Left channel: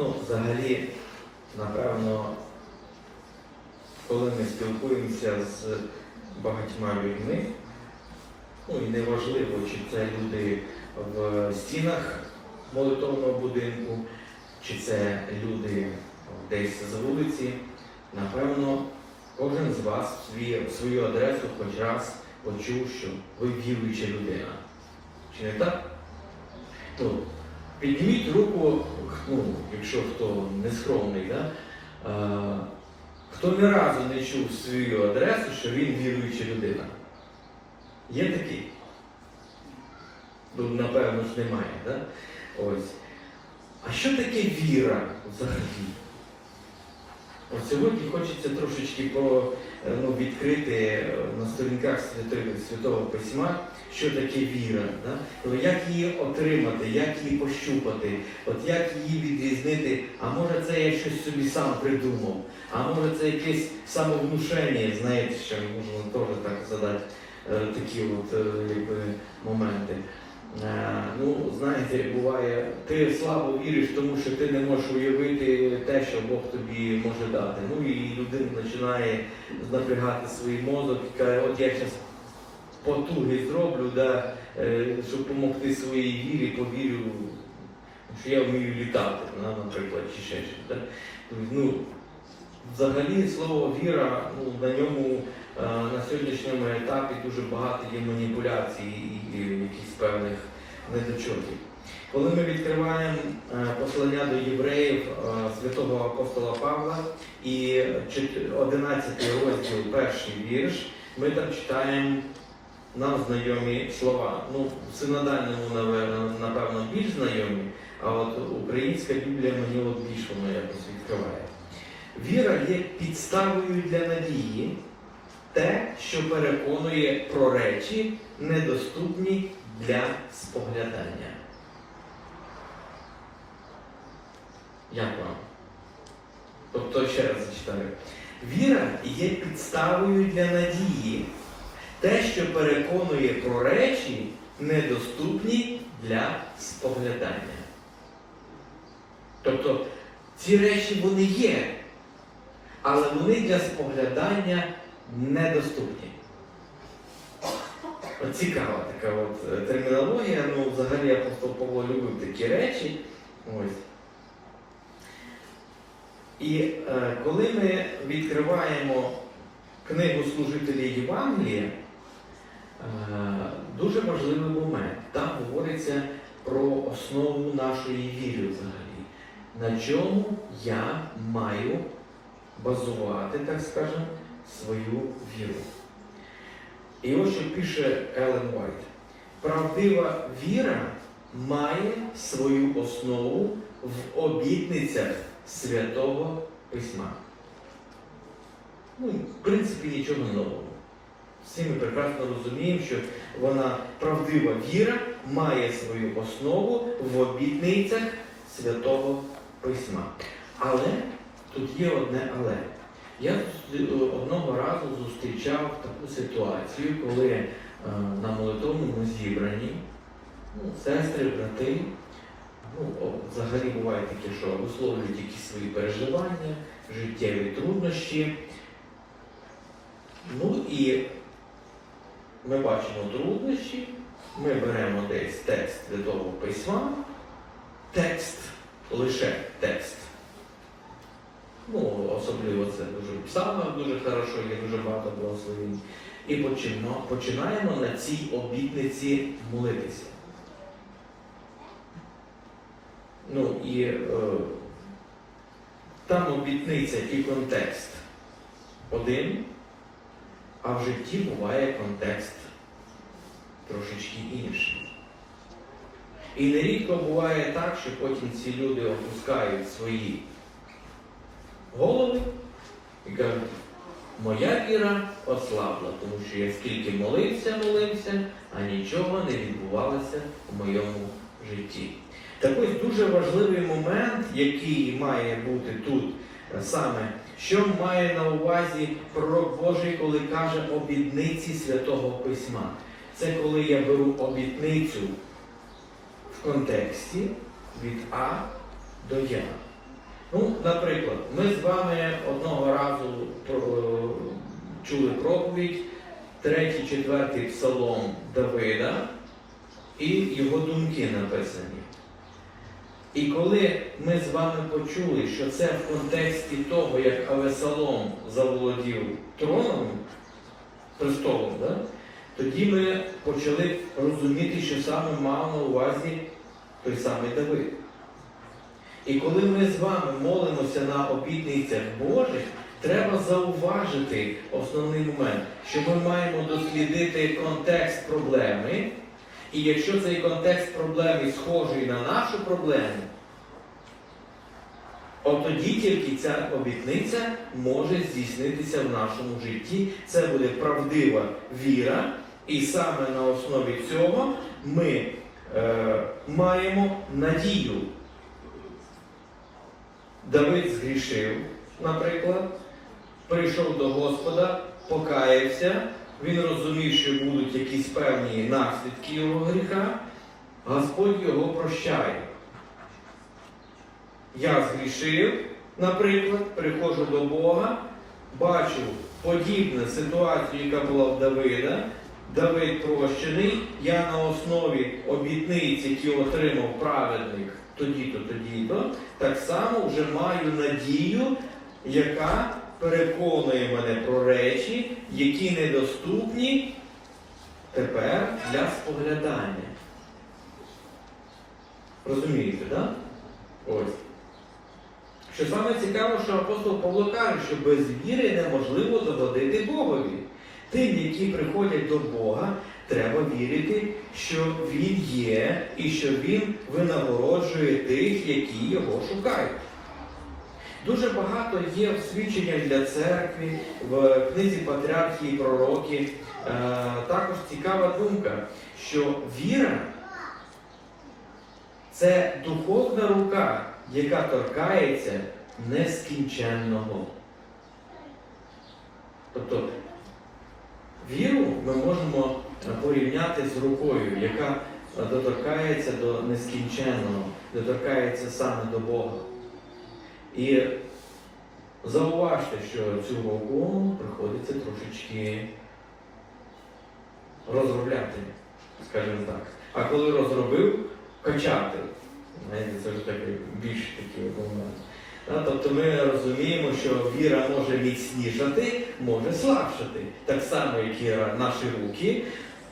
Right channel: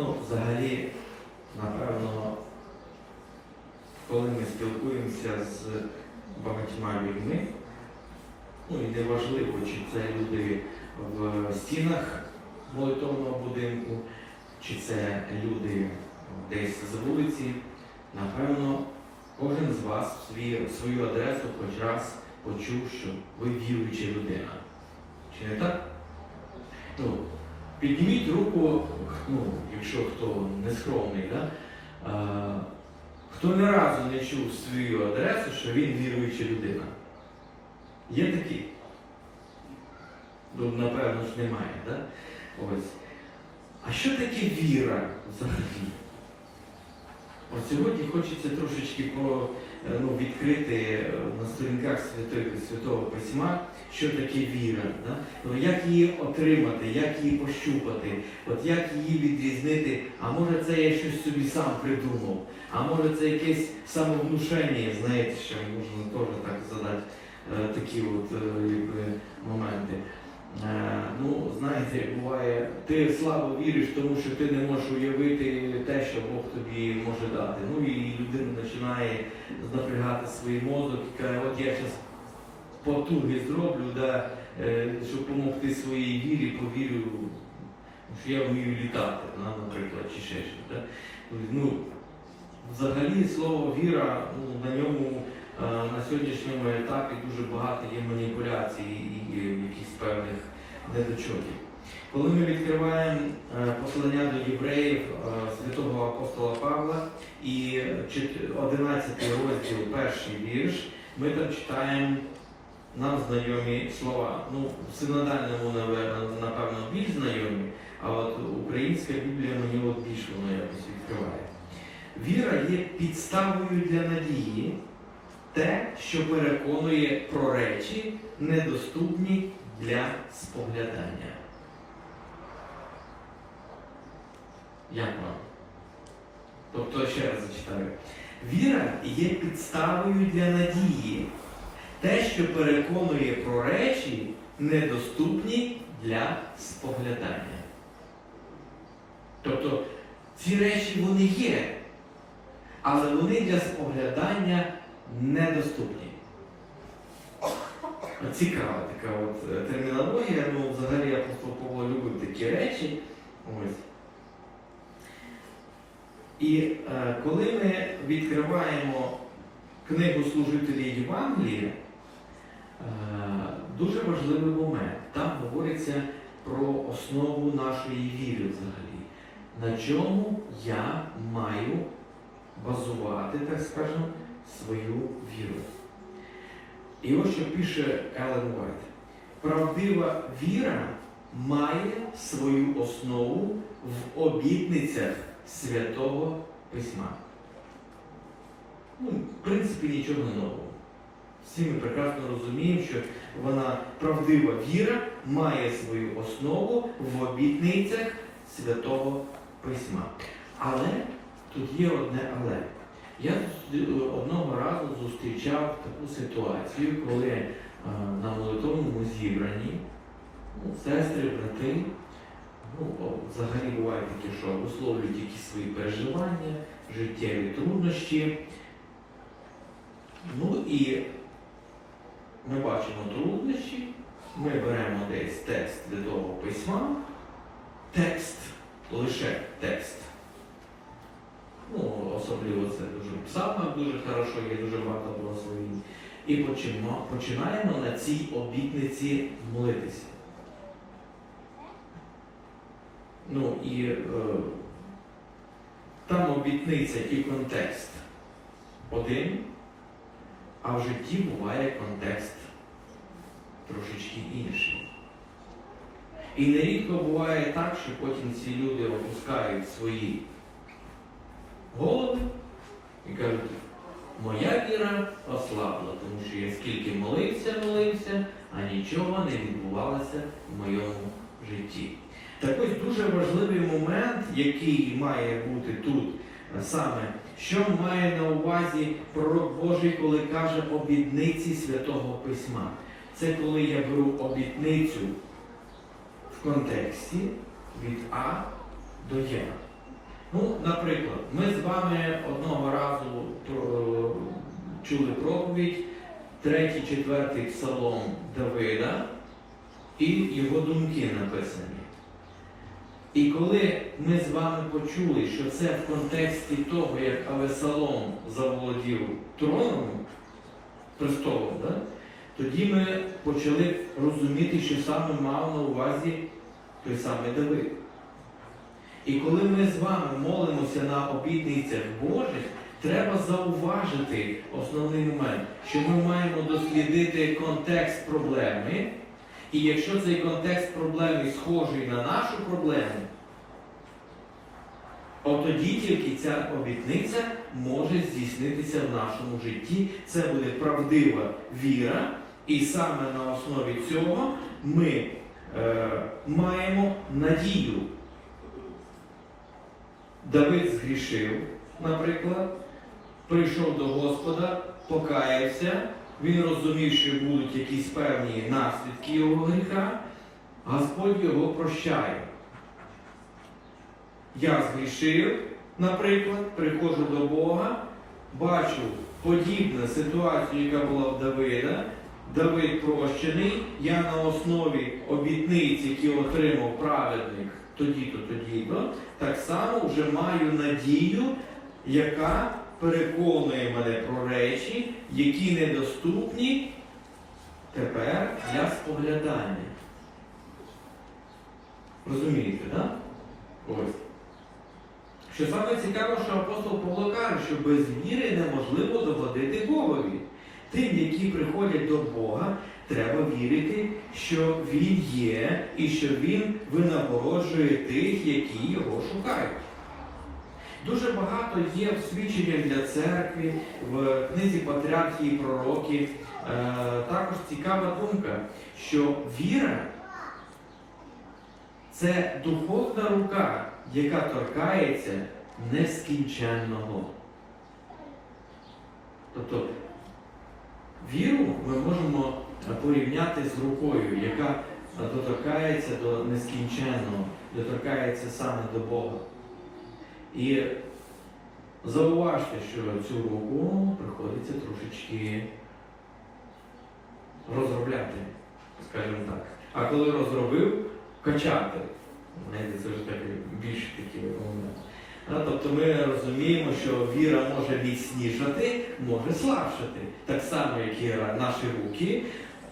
Ну, взагалі, напевно, коли ми спілкуємося з багатьма людьми, ну і неважливо, чи це люди в стінах молитовного будинку, чи це люди десь з вулиці, напевно, кожен з вас в свою адресу хоч раз почув, що ви віруюча людина. Чи не так? Ну, підніміть руку, ну, якщо хто не скромний, да? а, хто ні разу не чув свою адресу, що він віруюча людина. Є такі? Ну, напевно ж немає, так? Ось. А що таке віра взагалі? От сьогодні хочеться трошечки по, е, ну, відкрити е, на сторінках Святого Письма, що таке віра, да? Ну, як її отримати, як її пощупати, от як її відрізнити, а може це я щось собі сам придумав, а може це якесь самовнушення, знаєте, що можна теж так задати е, такі от е, якби, моменти. Е, Ну, знаєте, буває, ти слабо віриш, тому що ти не можеш уявити те, що Бог тобі може дати. Ну і людина починає напрягати свій мозок і каже, от я зараз потуги зроблю, да, е, щоб допомогти своїй вірі, повірю, що я вмію літати, наприклад, чи ще щось. Да? Ну, взагалі слово віра, ну, на ньому е, на сьогоднішньому етапі дуже багато є маніпуляцій і, якихось певних недочотів. Коли ми відкриваємо е, послання до євреїв святого апостола Павла і 11 розділ, перший вірш, ми там читаємо нам знайомі слова. Ну, синодальному, напевно, більш знайомі, а от українська Біблія мені от більше воно якось відкриває. Віра є підставою для надії, те, що переконує про речі, недоступні для споглядання. Як вам? Тобто, ще раз зачитаю. Віра є підставою для надії, те, що переконує про речі, недоступні для споглядання. Тобто ці речі вони є, але вони для споглядання недоступні. Цікава така от е, термінологія, ну взагалі апостол Павло любив такі речі. Ось. І е, коли ми відкриваємо книгу служителів Євангелія, е, дуже важливий момент. Там говориться про основу нашої віри взагалі. На чому я маю базувати, так скажемо, свою віру. І ось що пише Елен Вайт. Правдива віра має свою основу в обітницях Святого Письма. Ну, в принципі, нічого нового. Всі ми прекрасно розуміємо, що вона правдива віра має свою основу в обітницях Святого Письма. Але тут є одне але. Я одного разу зустрічав таку ситуацію, коли е, на молитовному зібранні ну, сестри, брати, ну, взагалі буває таке, що висловлюють якісь свої переживання, життєві труднощі. Ну і ми бачимо труднощі, ми беремо десь текст Святого Письма, текст, лише текст. Ну, особливо це дуже в дуже хорошо, є дуже багато благословень. І починаємо на цій обітниці молитися. Ну і е, там обітниця і контекст один, а в житті буває контекст трошечки інший. І нерідко буває так, що потім ці люди опускають свої голови і кажуть, моя віра ослабла, тому що я скільки молився, молився, а нічого не відбувалося в моєму житті. Так ось дуже важливий момент, який має бути тут саме, що має на увазі пророк Божий, коли каже обітниці Святого Письма. Це коли я беру обітницю в контексті від А до Я. Ну, наприклад, ми з вами одного разу чули проповідь, третій, четвертий псалом Давида і його думки написані. І коли ми з вами почули, що це в контексті того, як Авесалом заволодів троном, престолом, да? тоді ми почали розуміти, що саме мав на увазі той самий Давид. І коли ми з вами молимося на обітницях Божих, треба зауважити основний момент, що ми маємо дослідити контекст проблеми. І якщо цей контекст проблеми схожий на нашу проблему, от тоді тільки ця обітниця може здійснитися в нашому житті. Це буде правдива віра, і саме на основі цього ми е, маємо надію. Давид згрішив, наприклад, прийшов до Господа, покаявся, він розумів, що будуть якісь певні наслідки його гріха, Господь його прощає. Я згрішив, наприклад, приходжу до Бога, бачу подібну ситуацію, яка була в Давида. Давид прощений, я на основі обітниць, які отримав праведник тоді-то, тоді-то, так само вже маю надію, яка переконує мене про речі, які недоступні тепер для споглядання. Розумієте, так? Да? Ось. Що саме цікаво, що апостол Павло каже, що без віри неможливо догодити Богові. Тим, які приходять до Бога, треба вірити, що Він є і що Він винагороджує тих, які його шукають. Дуже багато є свідчення для церкви в книзі Патріархії і пророків. Е, також цікава думка, що віра це духовна рука, яка торкається нескінченного. Тобто віру ми можемо порівняти з рукою, яка доторкається до нескінченного, доторкається саме до Бога. І зауважте, що цю руку приходиться трошечки розробляти, скажімо так. А коли розробив, качати. Знаєте, Це вже такий більш такий момент. Тобто ми розуміємо, що віра може міцнішати, може слабшати. Так само, як і наші руки.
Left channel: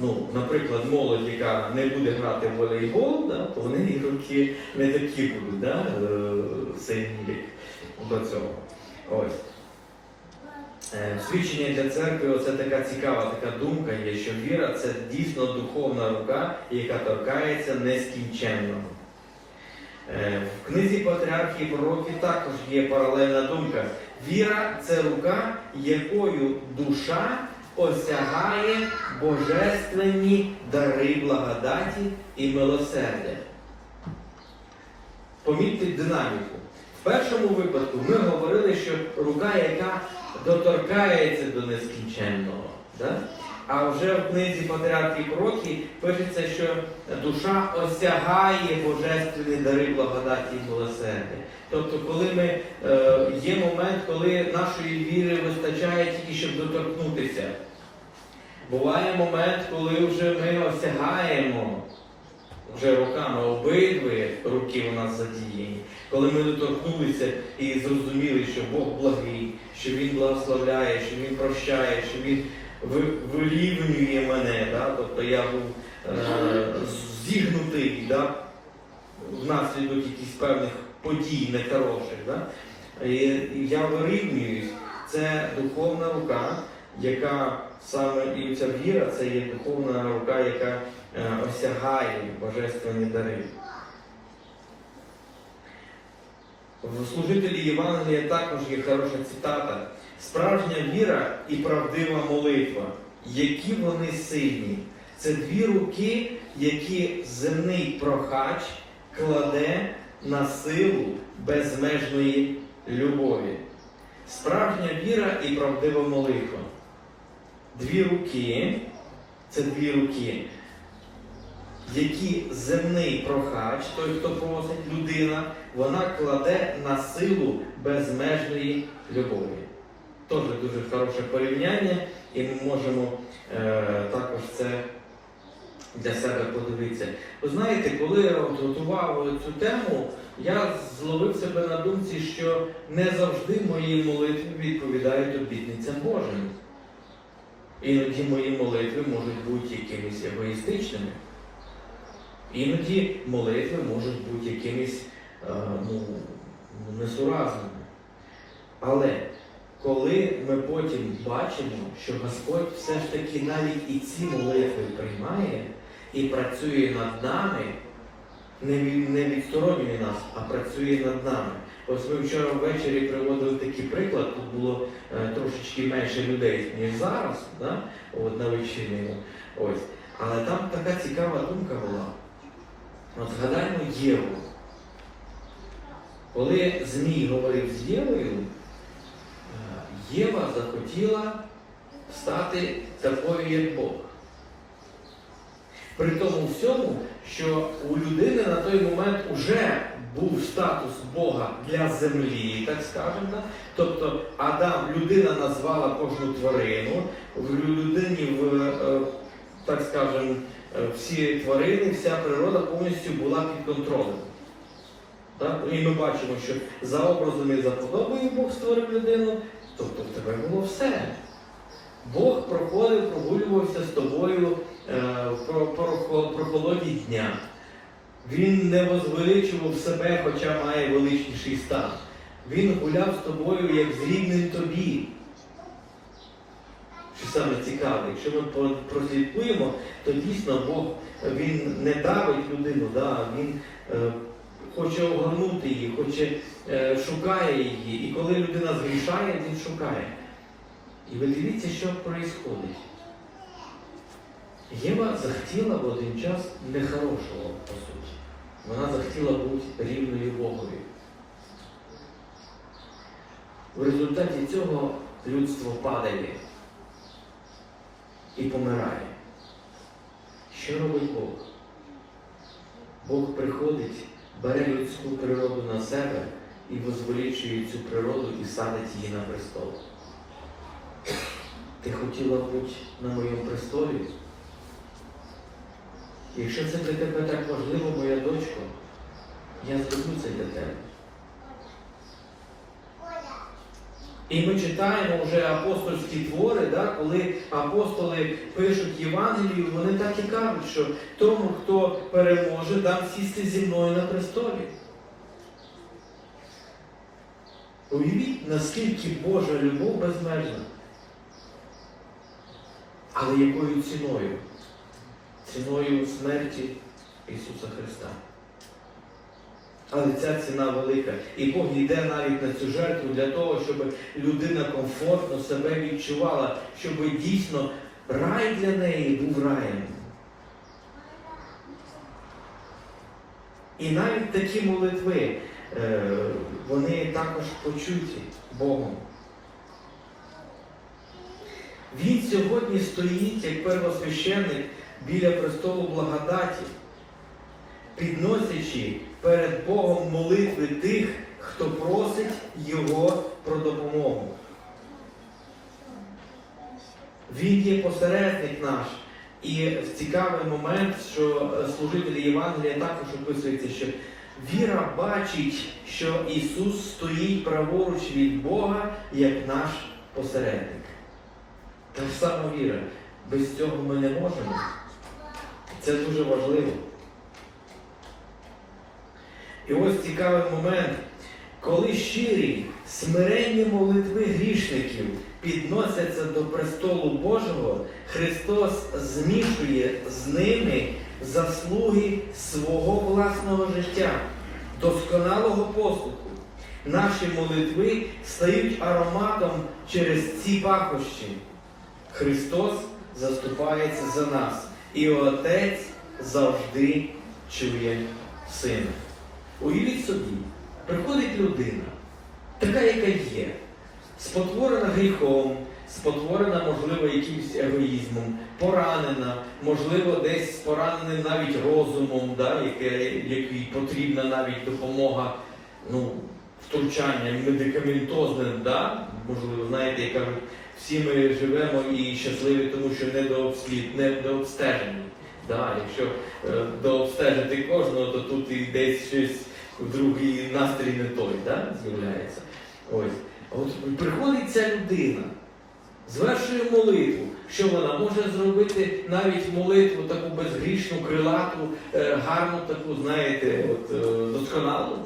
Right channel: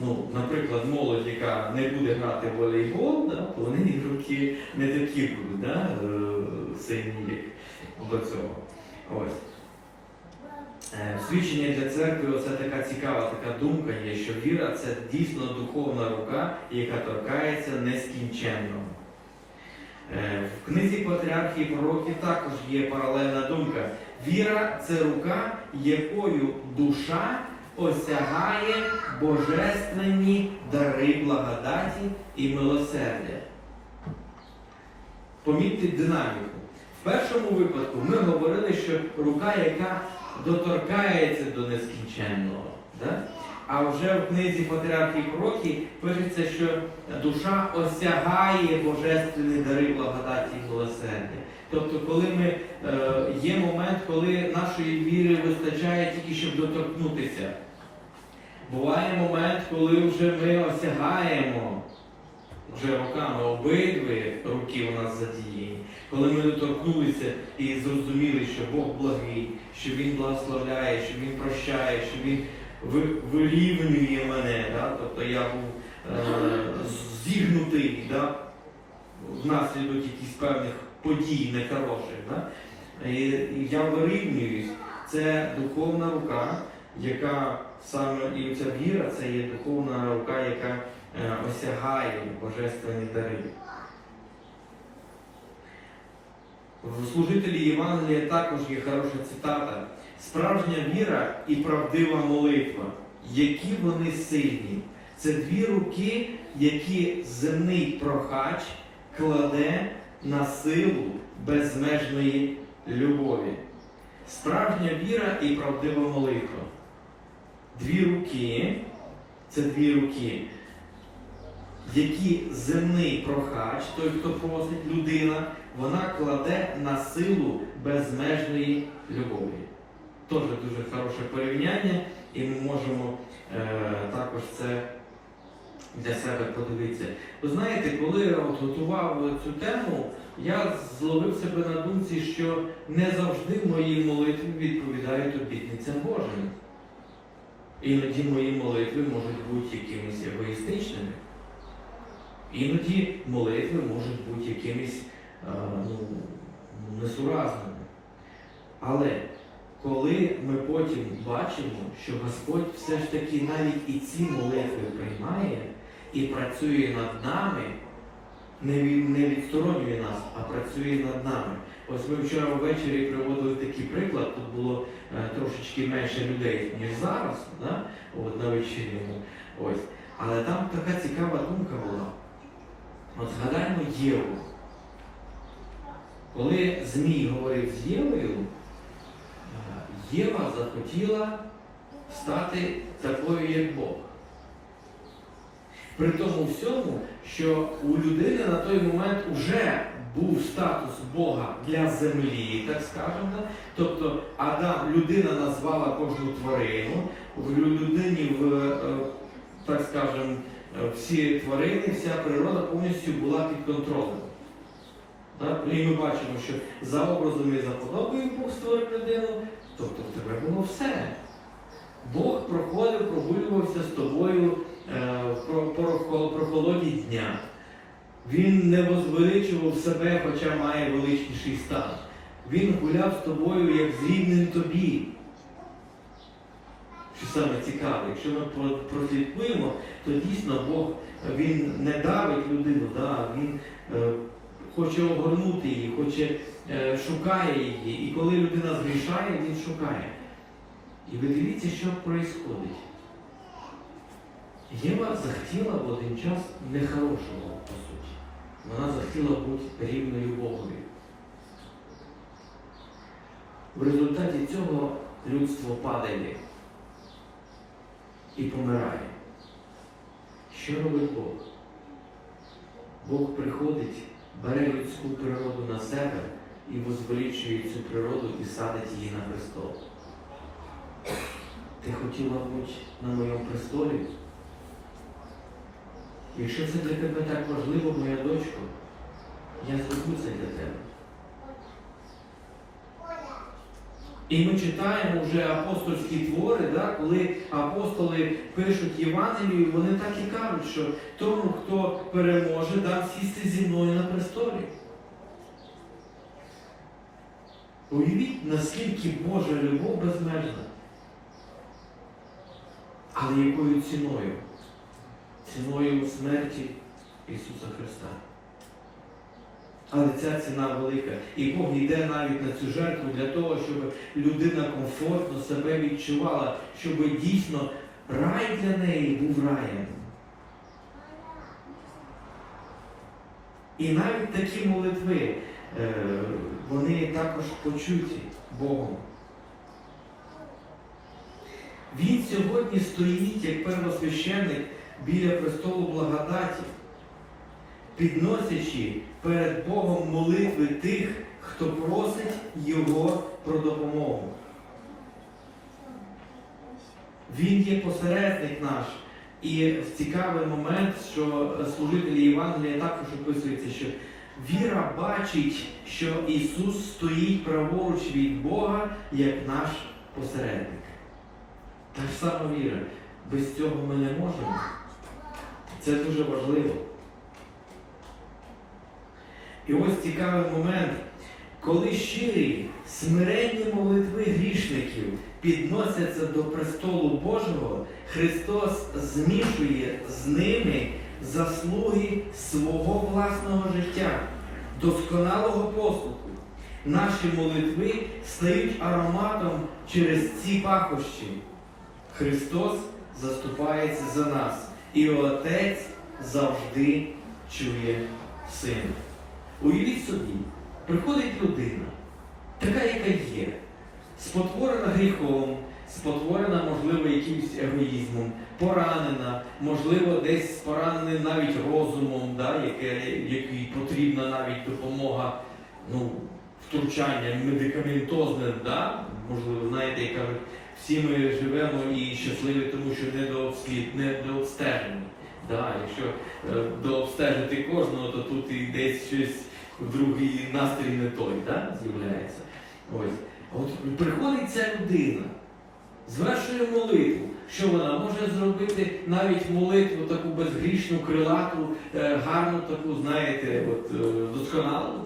Ну, наприклад, молодь, яка не буде грати в волейбол, да, вони і руки не такі будуть, да, е, сильні до цього. Ось. Е, Свідчення для церкви це така цікава така думка є, що віра це дійсно духовна рука, яка торкається нескінченного. Е, В книзі Патріархії пророків також є паралельна думка. Віра це рука, якою душа осягає божественні дари благодаті і милосердя. Помітьте динаміку. В першому випадку ми говорили, що рука, яка доторкається до нескінченного. Да? А вже в книзі Патріархії Пророків пишеться, що душа осягає божественні дари благодаті і милосердя. Тобто, коли ми е, є момент, коли нашої віри вистачає тільки, щоб доторкнутися. Буває момент, коли вже ми осягаємо вже руками обидві руки у нас задіяні, коли ми доторкнулися і зрозуміли, що Бог благий, що Він благословляє, що Він прощає, що Він ви- вирівнює мене. Да? Тобто я був е, зігнутий да? внаслідок якихось певних подій нехороших. Да? І я вирівнююсь. Це духовна рука, яка саме віра це є духовна рука, яка е, осягає божественні дари. В служителі Євангелія також є хороша цитата. Справжня віра і правдива молитва, які вони сильні. Це дві руки, які земний прохач кладе на силу безмежної любові. Справжня віра і правдива молитва. Дві руки, це дві руки, які земний прохач, той, хто просить людина, вона кладе на силу безмежної любові. Теж дуже хороше порівняння, і ми можемо е, також це для себе подивитися. Ви знаєте, коли я готував цю тему, я зловив себе на думці, що не завжди мої молитви відповідають обітницям Божим. Іноді мої молитви можуть бути якимись егоїстичними. Іноді молитви можуть бути якимись е, ну, несуразними. Але коли ми потім бачимо, що Господь все ж таки навіть і ці молитви приймає і працює над нами, не, від- відсторонює нас, а працює над нами. Ось ми вчора ввечері приводили такий приклад, тут було трошечки менше людей, ніж зараз, да? От, на вечірньому. Ось. Але там така цікава думка була. От згадаємо Єву. Коли Змій говорив з Євою, е, Єва захотіла стати такою, як Бог. При тому всьому, що у людини на той момент вже був статус Бога для землі, так скажемо. Тобто Адам, людина назвала кожну тварину, в людині, в, е, так скажемо, е, всі тварини, вся природа повністю була під контролем. Так? І ми бачимо, що за образом і за подобою Бог створив людину, тобто в тебе було все. Бог проходив, прогулювався з тобою е, про, про, про холоді дня. Він не возвеличував себе, хоча має величніший стан. Він гуляв з тобою як з рівним тобі. Що саме цікаве, якщо ми прослідкуємо, то дійсно Бог він не давить людину, да, він е, хоче огорнути її, хоче, е, шукає її. І коли людина згрішає, він шукає. І ви дивіться, що відбувається. Єва захотіла в один час нехорошого. Вона захотіла бути рівною Богові. В результаті цього людство падає і помирає. Що робить Бог? Бог приходить, бере людську природу на себе і возвеличує цю природу і садить її на престол. Ти хотіла бути на моєму престолі? Якщо це для тебе так важливо, моя дочко, я зроблю для тебе. І ми читаємо вже апостольські твори, да, коли апостоли пишуть Євангелію, вони так і кажуть, що тому, хто переможе, дам сісти зі мною на престолі. Уявіть, наскільки Божа любов безмежна. Але якою ціною? Ціною смерті Ісуса Христа. Але ця ціна велика. І Бог йде навіть на цю жертву для того, щоб людина комфортно себе відчувала, щоб дійсно рай для неї був раєм. І навіть такі молитви, е, вони також почуті Богом. Він сьогодні стоїть як первосвященник біля престолу благодаті, підносячи перед Богом молитви тих, хто просить Його про допомогу. Він є посередник наш. І цікавий момент, що служителі Євангелія також описується, що віра бачить, що Ісус стоїть праворуч від Бога як наш посередник. Та ж сама віра. Без цього ми не можемо. Це дуже важливо. І ось цікавий момент, коли щирі, смиренні молитви грішників підносяться до престолу Божого, Христос змішує з ними заслуги свого власного життя, досконалого послуху. Наші молитви стають ароматом через ці пахощі. Христос заступається за нас, і Отець завжди чує Сина. Уявіть собі, приходить людина, така, яка є, спотворена гріхом, спотворена, можливо, якимось егоїзмом, поранена, можливо, десь поранена навіть розумом, да, якій потрібна навіть допомога ну, втручання медикаментозне, да? можливо, знаєте, я кажу, всі ми живемо і щасливі, тому що не дообслід, не дообстежені. Да, якщо е, дообстежити кожного, то тут і десь щось другий настрій не той да, з'являється. Ось. От приходить ця людина, звершує молитву. Що вона може зробити навіть молитву таку безгрішну, крилату, е, гарну, таку, знаєте, от, е, досконалу?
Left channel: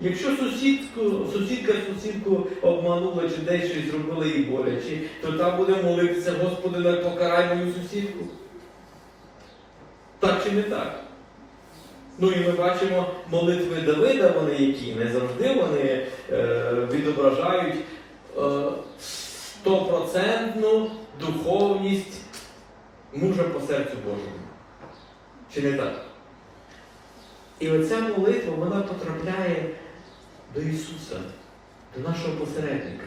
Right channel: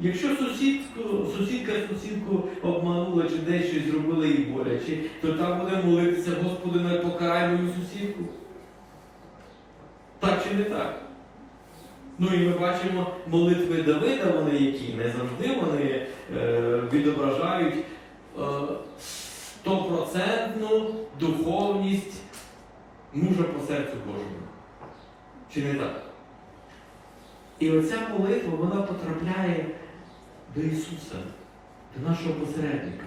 Якщо сусідку, сусідка сусідку обманула чи десь щось зробила їй боляче, то та буде молитися, Господи, не покарай мою сусідку. Так чи не так? Ну і ми бачимо молитви Давида, вони які не завжди вони е, відображають е, стопроцентну духовність мужа по серцю Божому. Чи не так? І оця молитва вона потрапляє до Ісуса, до нашого посередника.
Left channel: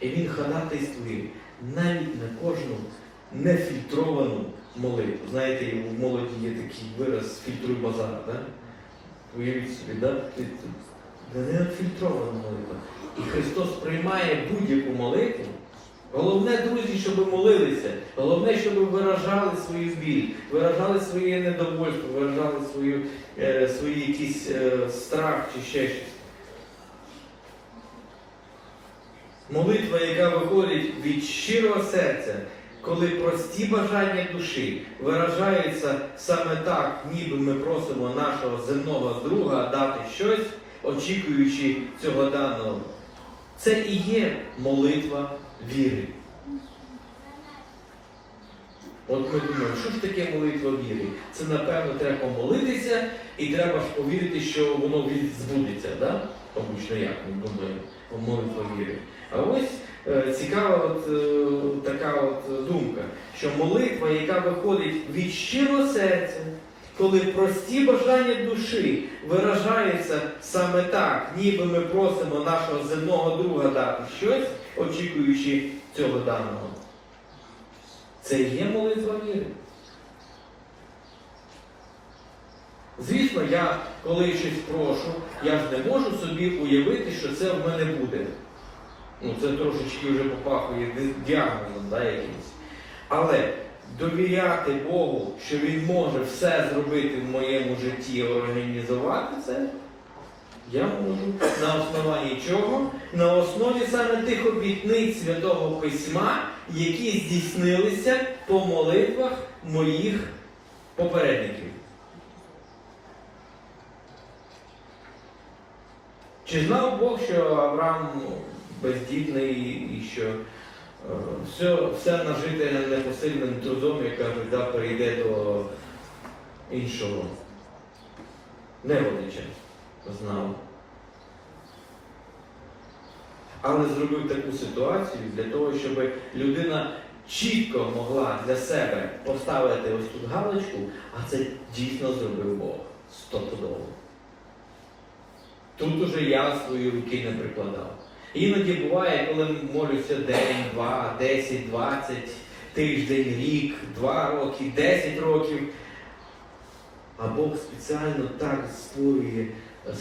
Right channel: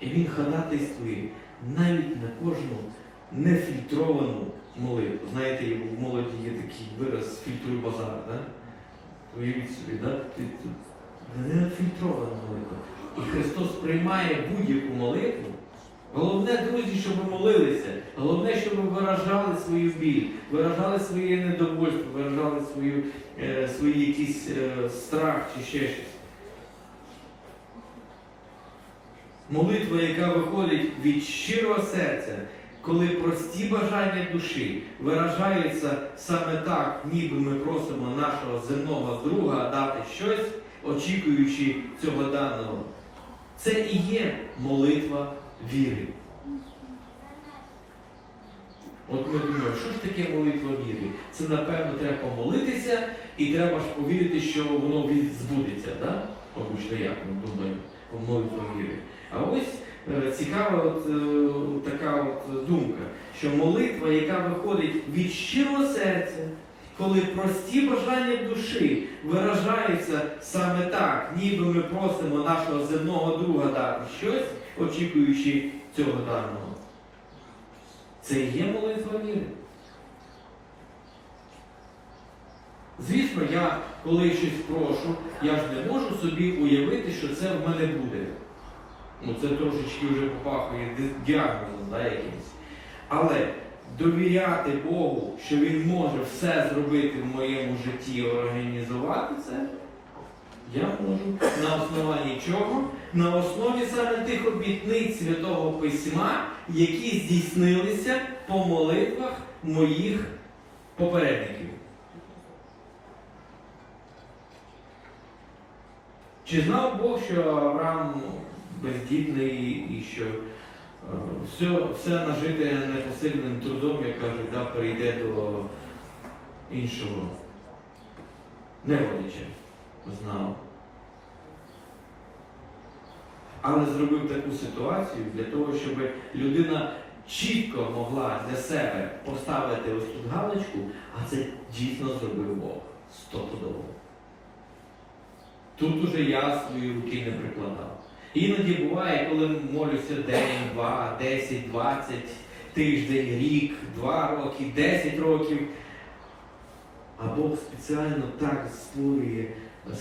І Він ходатайствує навіть на кожну нефільтровану молитву. Знаєте, в молоді є такий вираз фільтруй базар, да? Уявіть собі, да? Нефільтрована молитва. І Христос приймає будь-яку молитву. Головне, друзі, щоб ви молилися. Головне, щоб ви виражали свою біль, виражали своє недовольство, виражали свою, е, свої якісь е, страх чи ще щось. Молитва, яка виходить від щирого серця, коли прості бажання душі виражаються саме так, ніби ми просимо нашого земного друга дати щось, очікуючи цього даного. Це і є молитва віри. От ми думаємо, що ж таке молитва віри? Це, напевно, треба помолитися і треба повірити, що воно від- збудеться, да? Обично як ми думаємо молитва віри. А ось е, цікава от, е, така от думка, що молитва, яка виходить від щирого серця, коли прості бажання душі виражаються саме так, ніби ми просимо нашого земного друга дати щось, очікуючи цього даного. Це є молитва віри. Звісно, я коли щось прошу, я ж не можу собі уявити, що це в мене буде. Ну, це трошечки вже попахує діагнозом да, якимось. Але довіряти Богу, що Він може все зробити в моєму житті, організувати це, я можу на основанні чого? На основі саме тих обітниць Святого Письма, які здійснилися по молитвах моїх попередників. Чи знав Бог, що Авраам бездітний і що все, все нажите непосильним трудом, як кажуть, да, перейде до іншого неволича? Знав. Але зробив таку ситуацію для того, щоб людина чітко могла для себе поставити ось тут галочку, а це дійсно зробив Бог. Стопудово. Тут уже я свої руки не прикладав. Іноді буває, коли молюся день, два, 10, 20, тиждень, рік, два роки, 10 років. А Бог спеціально так створює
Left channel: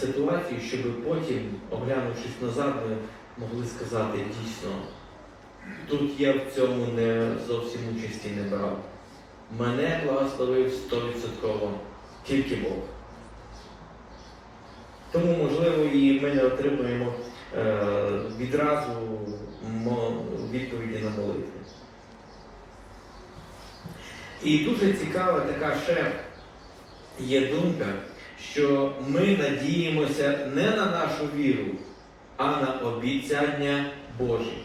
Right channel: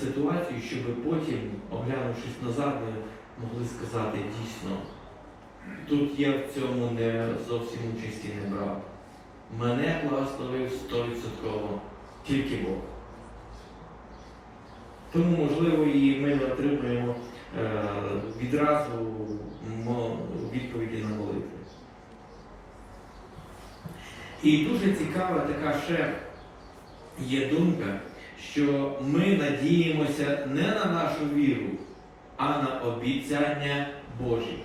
ситуацію, щоб потім, оглянувшись назад, ми могли сказати дійсно, тут я в цьому не зовсім участі не брав. Мене благословив 100% тільки Бог. Тому, можливо, і ми не отримуємо відразу відповіді на молитву. І дуже цікава така ще є думка, що ми надіємося не на нашу віру, а на обіцяння Божі,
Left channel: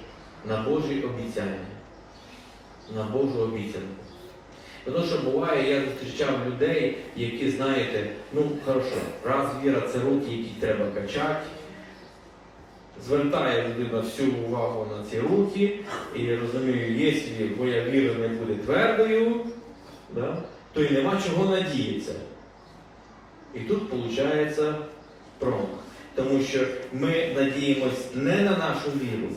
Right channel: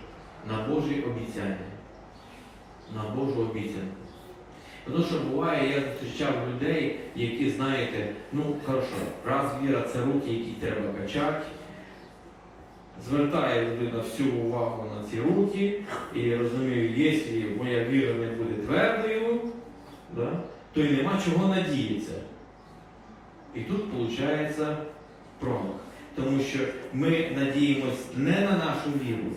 на Божі обіцяння, на Божу обіцянку. Тому що буває, я зустрічав людей, які, знаєте, ну хорошо, раз віра це руки, які треба качати. Звертає людина всю увагу на ці руки, і я розумію, якщо моя віра не буде твердою, да, то й нема чого надіятися. І тут виходить промах. Тому що ми надіємось не на нашу віру,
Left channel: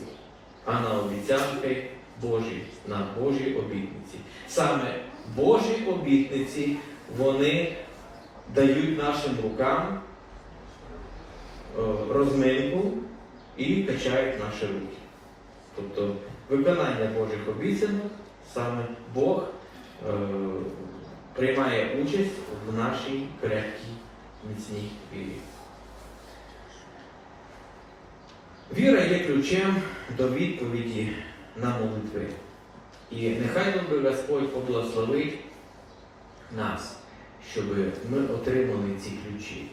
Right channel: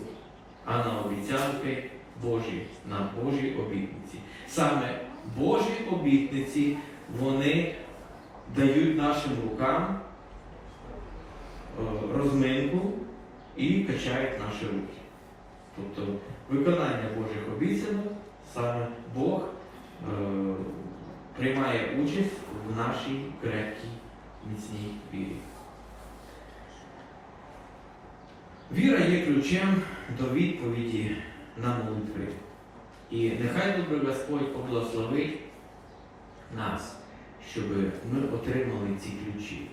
а на обіцянки Божі, на Божі обітниці. Саме Божі обітниці, вони дають нашим рукам е, розминку і качають наші руки. Тобто виконання Божих обіцянок саме Бог е, приймає участь в нашій крепкій, міцній вірі. Віра є ключем до відповіді на молитви. І нехай добрий Господь поблагословить нас, щоб ми отримали ці ключі,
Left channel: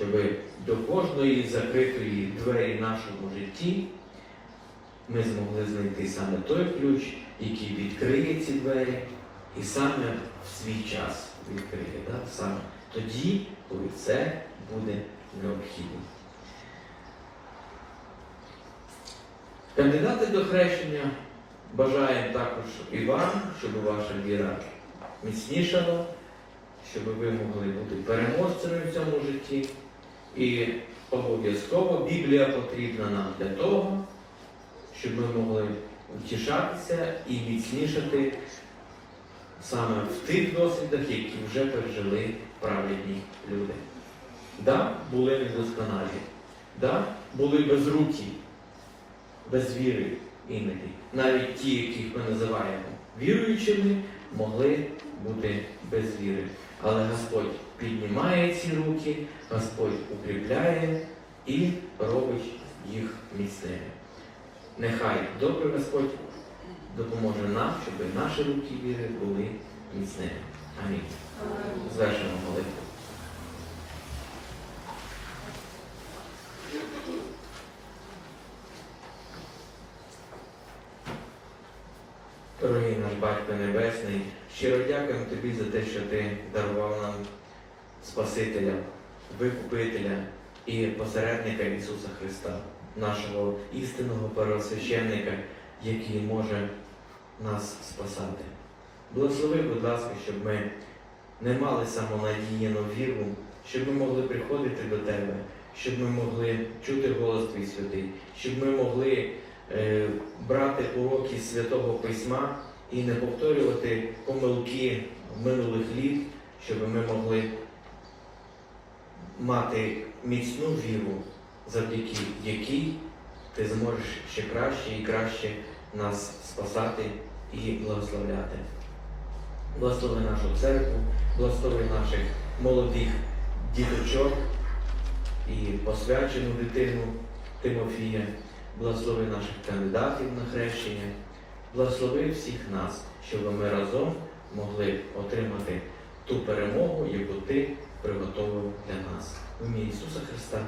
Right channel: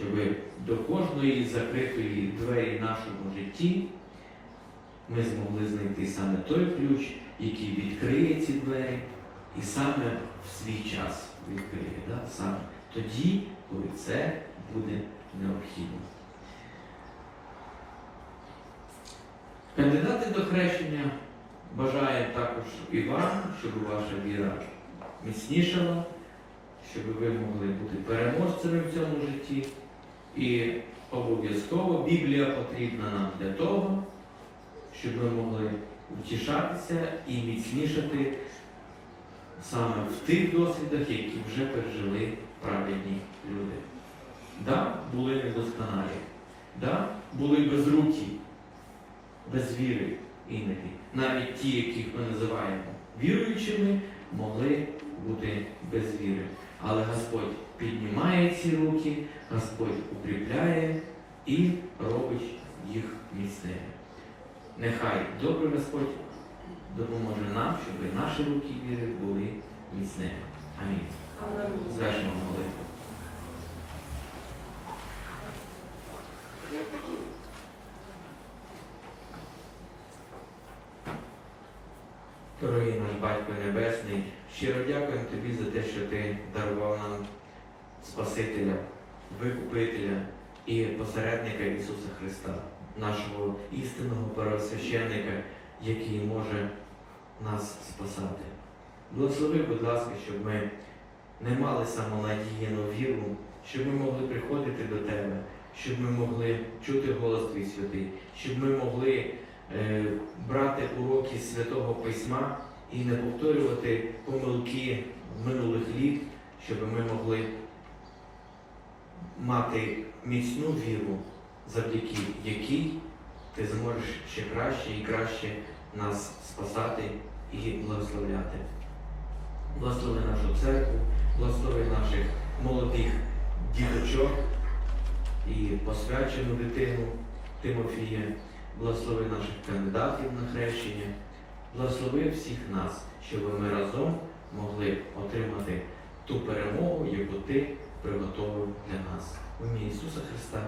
щоб до кожної закритої двері в нашому житті ми змогли знайти саме той ключ, який відкриє ці двері, і саме в свій час відкриє. Да? Саме тоді, коли це буде необхідно. Кандидати до хрещення бажаємо також і вам, щоб ваша віра міцнішала, щоб ви могли бути переможцями в цьому житті. І обов'язково Біблія потрібна нам для того, щоб ми могли утішатися і міцнішати саме в тих досвідах, які вже пережили праведні люди. Да, були недосконалі, да, були безрукі, без віри іноді. Навіть ті, яких ми називаємо віруючими, могли бути без віри. Але Господь піднімає ці руки, Господь укріпляє і робить їх міцними. Нехай добрий Господь допоможе нам, щоб наші руки віри були міцними. Амінь. Звершимо молитву. Дорогий наш Батько Небесний, щиро дякуємо Тобі за те, що Ти дарував нам Спасителя, Викупителя і посередника Ісуса Христа, нашого істинного первосвященника, який може нас спасати. Благослови, будь ласка, щоб ми не мали самонадійну віру, щоб ми могли приходити до Тебе, щоб ми могли чути голос Твій святий, щоб ми могли е, брати уроки Святого Письма і не повторювати помилки минулих літ, щоб ми могли мати міцну віру, завдяки якій ти зможеш ще краще і краще нас спасати і благословляти. Благослови нашу церкву, благослови наших молодих діточок і посвячену дитину Тимофія, благослови наших кандидатів на хрещення, благослови всіх нас, щоб ми разом могли отримати ту перемогу, яку ти приготовив для нас. В ім'я Ісуса Христа.